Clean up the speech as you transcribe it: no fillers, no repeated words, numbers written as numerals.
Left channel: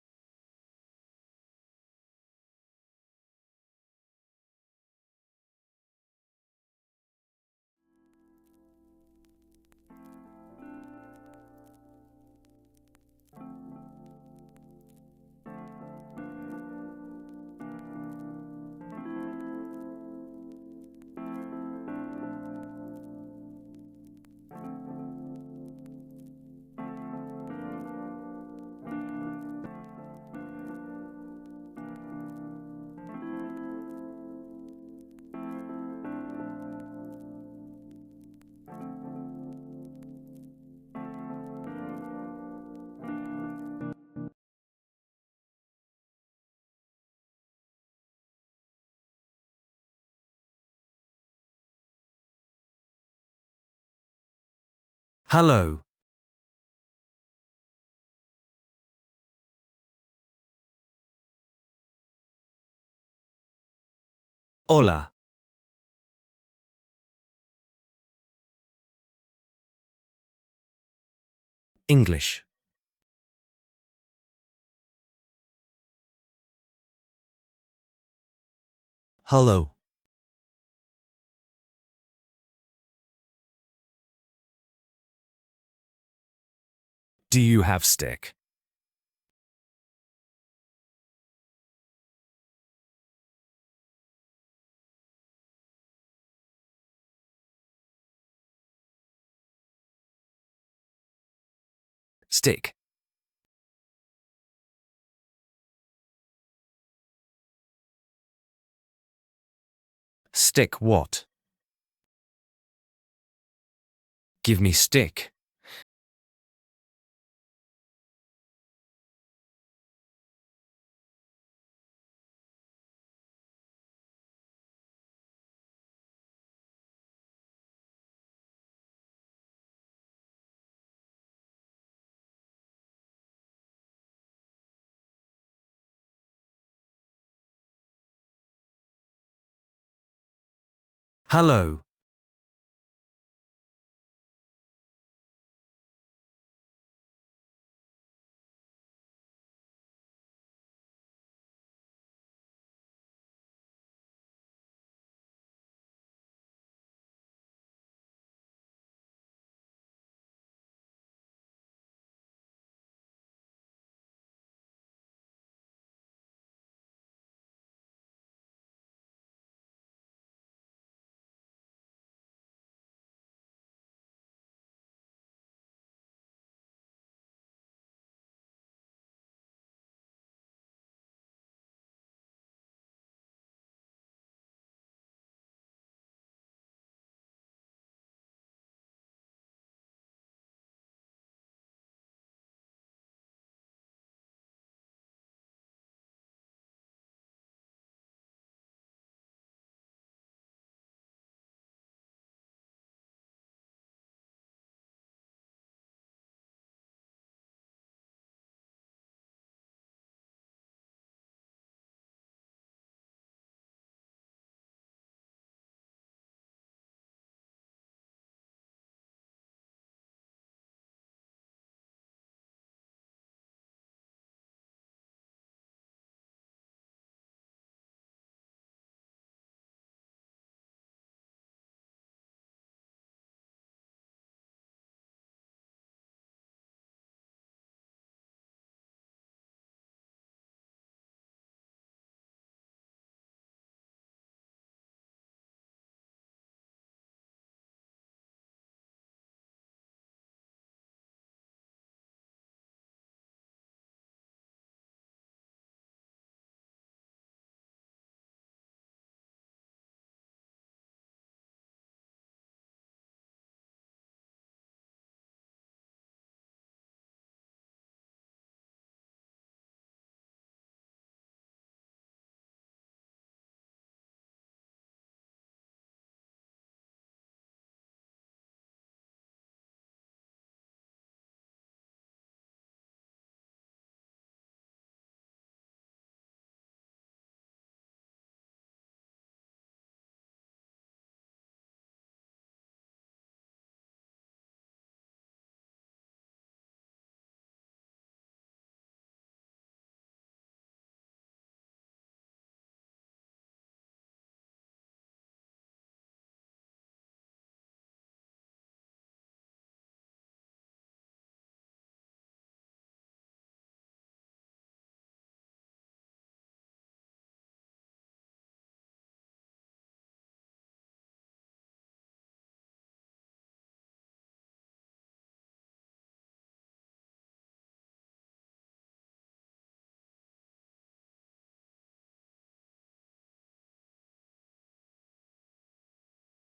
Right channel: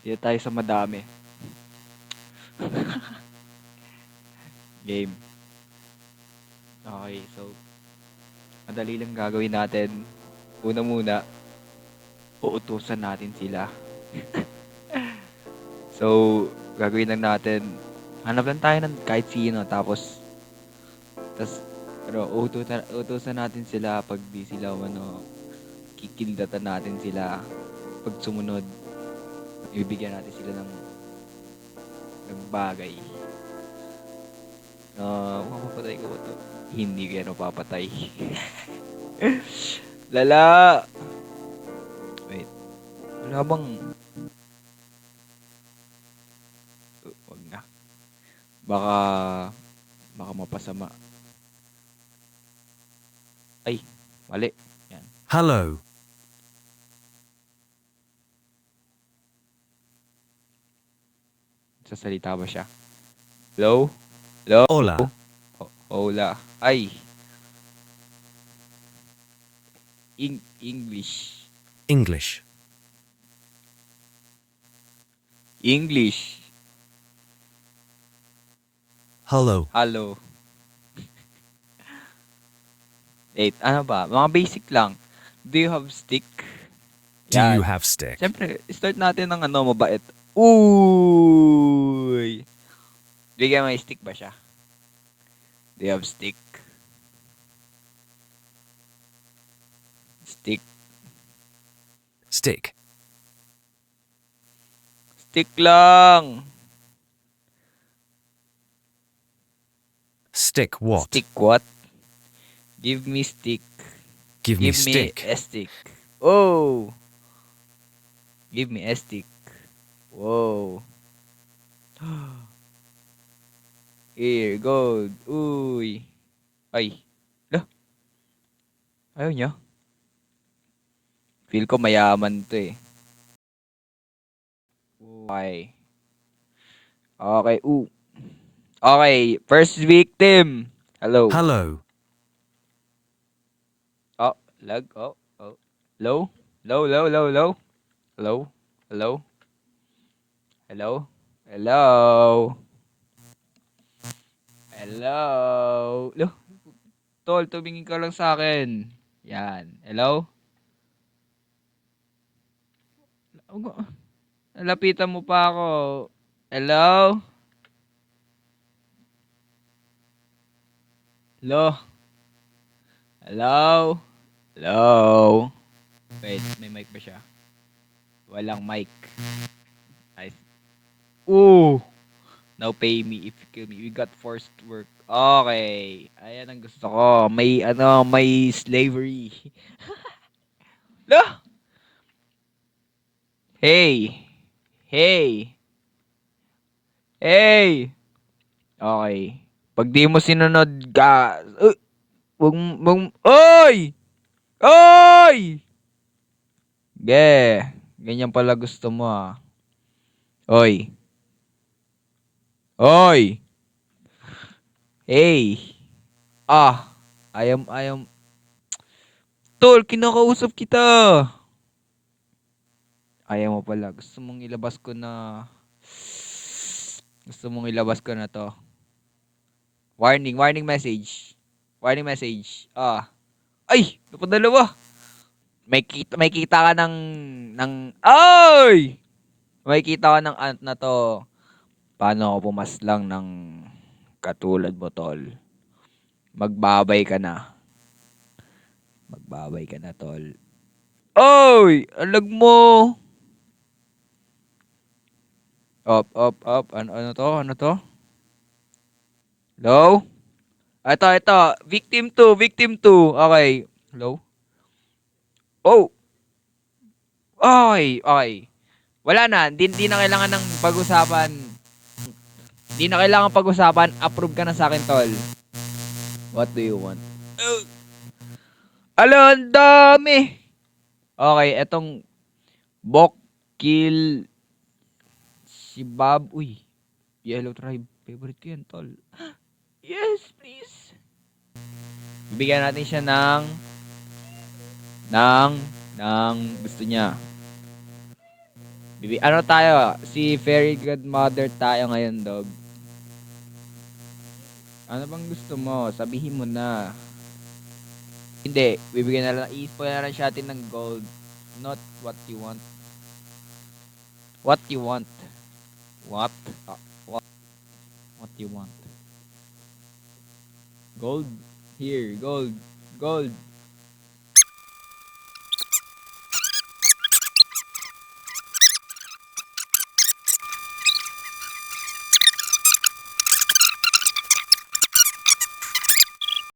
Dito tayo sa madami. Game. Okay, so madali lang gagawin natin. Una muna, uutusan natin sila. So, gagawin lang natin, hanap lang tayo ng kahit sino, pero utusan natin sila pag di sila, kikildatan natin sila. Pag sumunod, ibibigyan natin sila ng bagay. Mapapatay ko ba to? Hindi ko yan mapapatay. Lala! Wait. Wala bang... Wag na. Baka... Baka mapasama. Ay, mali. Yan. Hello. Sasalita ba siya? Hello? Hello? Hola. Hola. Ay. English. English. English. Hello. Hello. Wait, ano ba? Mga basic lang. Do you have stick? Do you Yan. have stick? Siyempre, start natin ng mabait. Uy! Bigyan may stick ba siya? Do you have stick? Stick. Stick. Stick lang! Stick what? Stick what? Give me stick. Give me Give me stick. a stick. Oh! Give me a stick. Whoa. Here, go. Uy. Ay. Lah. Ayaw niya. Feel ko mayaman to eh. Okay. Okay. Okay. First victim. Hello. Hello. Oh. Lag. Oh. Oh. Low. Low. Low. Low. Low. Hello. Hello. Hello. Hello. Hello. Low. Tol, tumingin ka lang sa akin. Yan. Hello? Nalapitan mo pa ako. Hello? Hello? Hello? Hello? Wait, may mic ba siya? Walang mic. Nice. Ooh! Now pay me if you kill me. We got forced work. Okay. Ayan ang gusto ko. May slavery. Lo! Hey! Hey! Hey! Okay. Pag di mo sinunod ka... Oy! Oy! Ganyan pala gusto mo ah. Oy. Oy! Hey! Ah! I am... Tol, kinakausap kita! Ayaw mo pala. Gusto mong ilabas ko na to. Warning message. Warning message. Ah. Ay! Napadalawa! May kita ka ay! May kita ka ng ant na to. Paano ako pumaslang ng katulad mo, tol? Magbabay ka na. Magbabay ka na, tol. Oy! Alag mo! Up. Ano to? Ano to? Hello? Ito. Victim 2. Okay. Hello? Oh! Okay. Wala na. Di na kailangan ng pag-usapan. Di na kailangan pag-usapan. Approve ka na sa akin, tol. What do you want? Ala, ang dami! Okay, etong Bok Kill si Bob. Uy, Yellow Tribe. Favorite ko yan, tol. Yes, please. Bibigyan natin siya ng gusto niya. Ano tayo? Si Fairy Godmother tayo ngayon, dog. Ano bang gusto mo? Sabihin mo na. Hindi, bibigyan na lang, i-spoil na lang siya atin ng gold. Not what you want. What you want. What? What? What you want. Gold? Here, gold. Gold.